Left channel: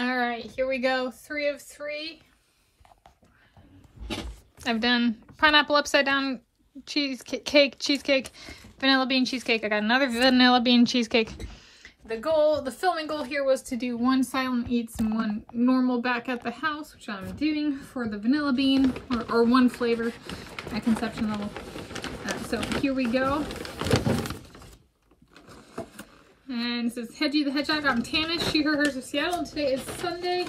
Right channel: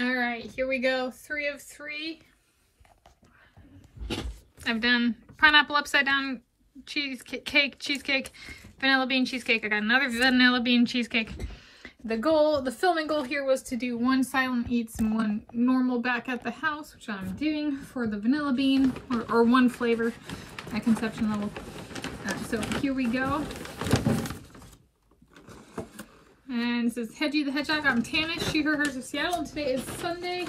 All right, here we go. 3 of 3. I've done pineapple upside down cheesecake, vanilla bean cheesecake. I got another vanilla bean cheesecake. The filming goal here was to do 1 silent eats and 1 normal back at the house, which I'm doing for the vanilla bean, or 1 flavor at conception level. So here we go. And it says Hedgie the Hedgehog. I'm Tanis, she, her, hers of Seattle, and today is Sunday,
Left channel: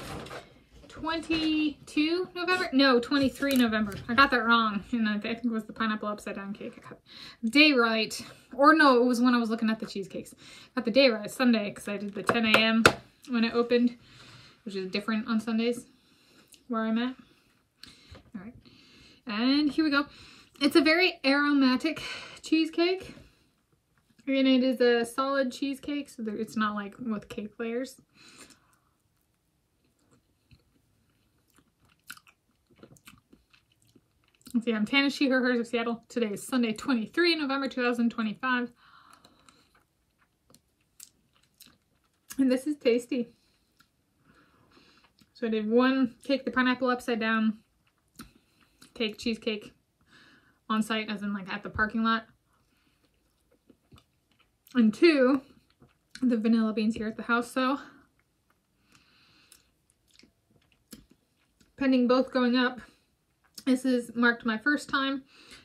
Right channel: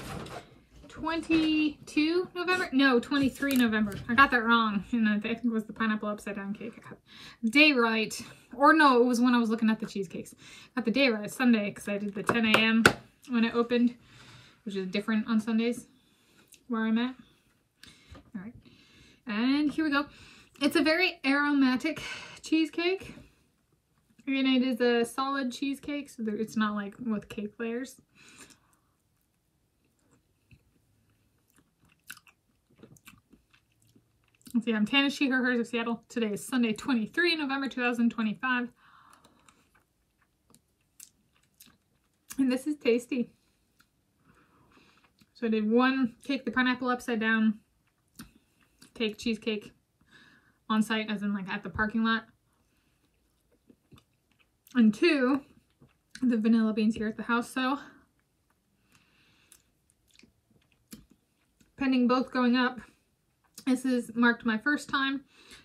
22 November? No, 23 November. I got that wrong. And I think it was the pineapple upside down cake. I got the day right. Or no, it was when I was looking at the cheesecakes. Got the day right, Sunday, because I did the 10 a.m. when it opened, which is different on Sundays where I'm at. All right. And here we go. It's a very aromatic cheesecake. And it is a solid cheesecake, so it's not like with cake layers. Let's see, I'm Tanis, she, her, hers of Seattle. Today is Sunday, 23 November 2025. And this is tasty. So I did 1 cake, the pineapple upside down cake, cheesecake on site, as in like at the parking lot. And 2, the vanilla beans here at the house. So pending both going up, this is marked my first time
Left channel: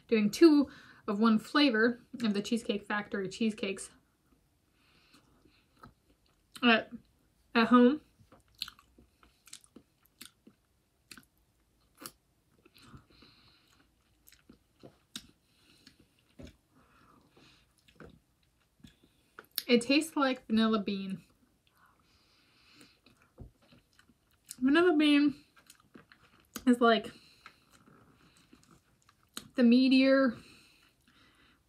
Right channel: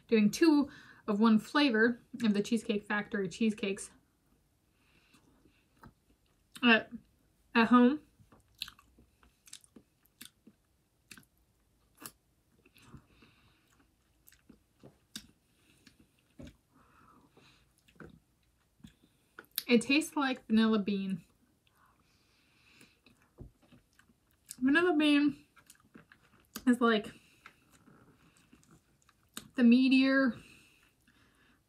doing 2 of 1 flavor of the Cheesecake Factory cheesecakes at home. It tastes like vanilla bean. Vanilla bean is like the meatier,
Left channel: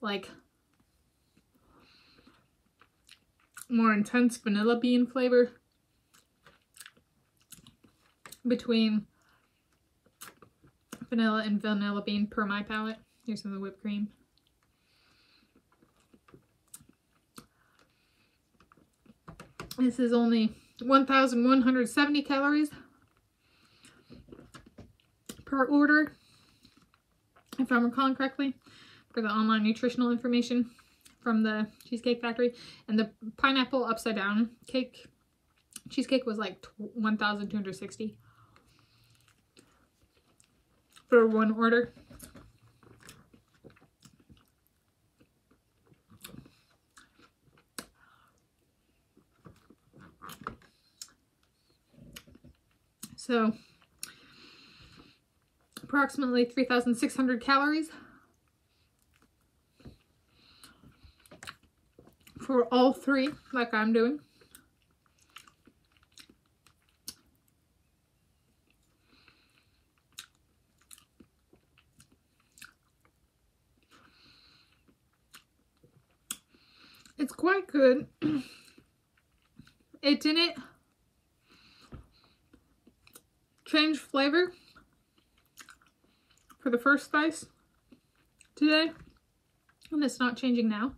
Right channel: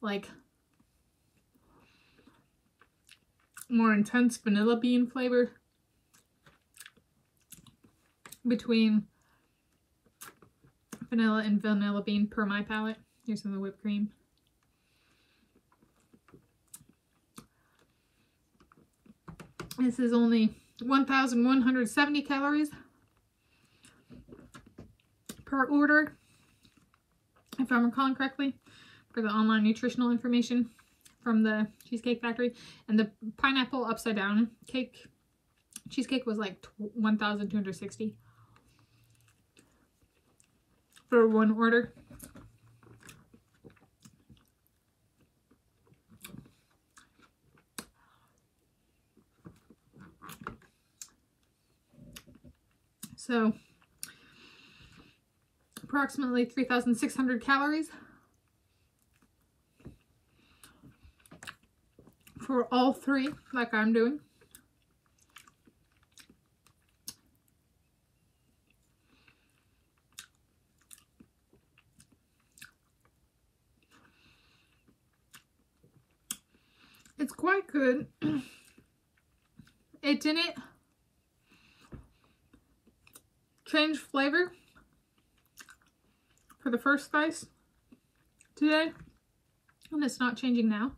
like more intense vanilla bean flavor between vanilla and vanilla bean per my palate. Here's some of the whipped cream. This is only 1,170 calories per order, if I'm recalling correctly, for the online nutritional information from the Cheesecake Factory. And the pineapple upside down cheesecake was like 1,260 for 1 order. So approximately 3,600 calories for all 3, like I'm doing. It's quite good. It didn't change flavor for the first slice today, and it's not changing now,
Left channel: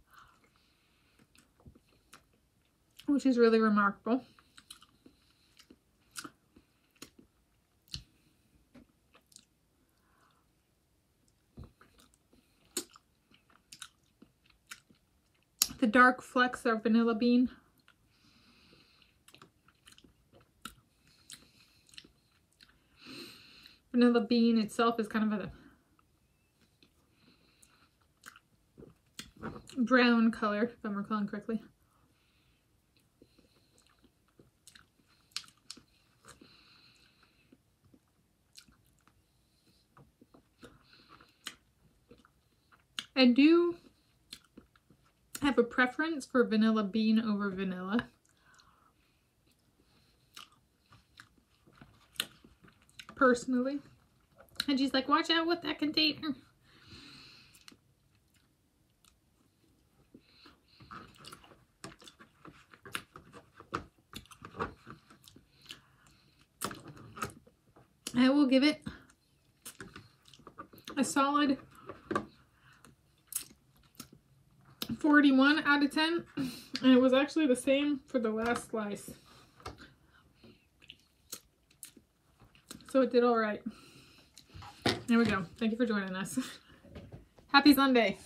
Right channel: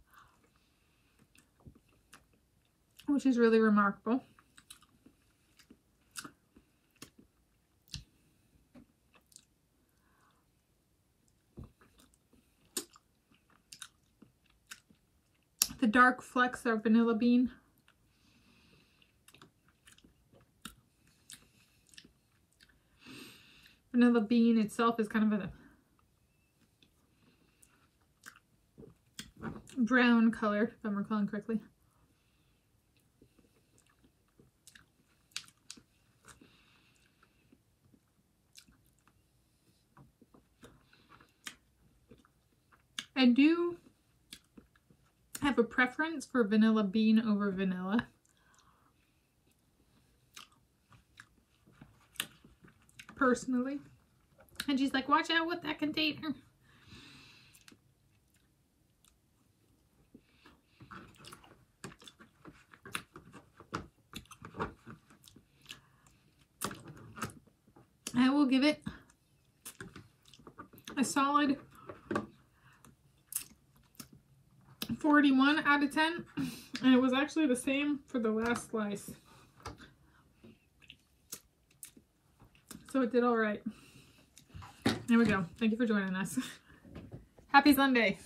which is really remarkable. The dark flecks are vanilla bean. Vanilla bean itself is kind of a brown color, if I'm recalling correctly. I do have a preference for vanilla bean over vanilla. Personally. And she's like, watch out with that container. I will give it a solid 41 out of 10. And it was actually the same for the last slice. So it did all right. There we go. Thank you for joining us. Happy Sunday.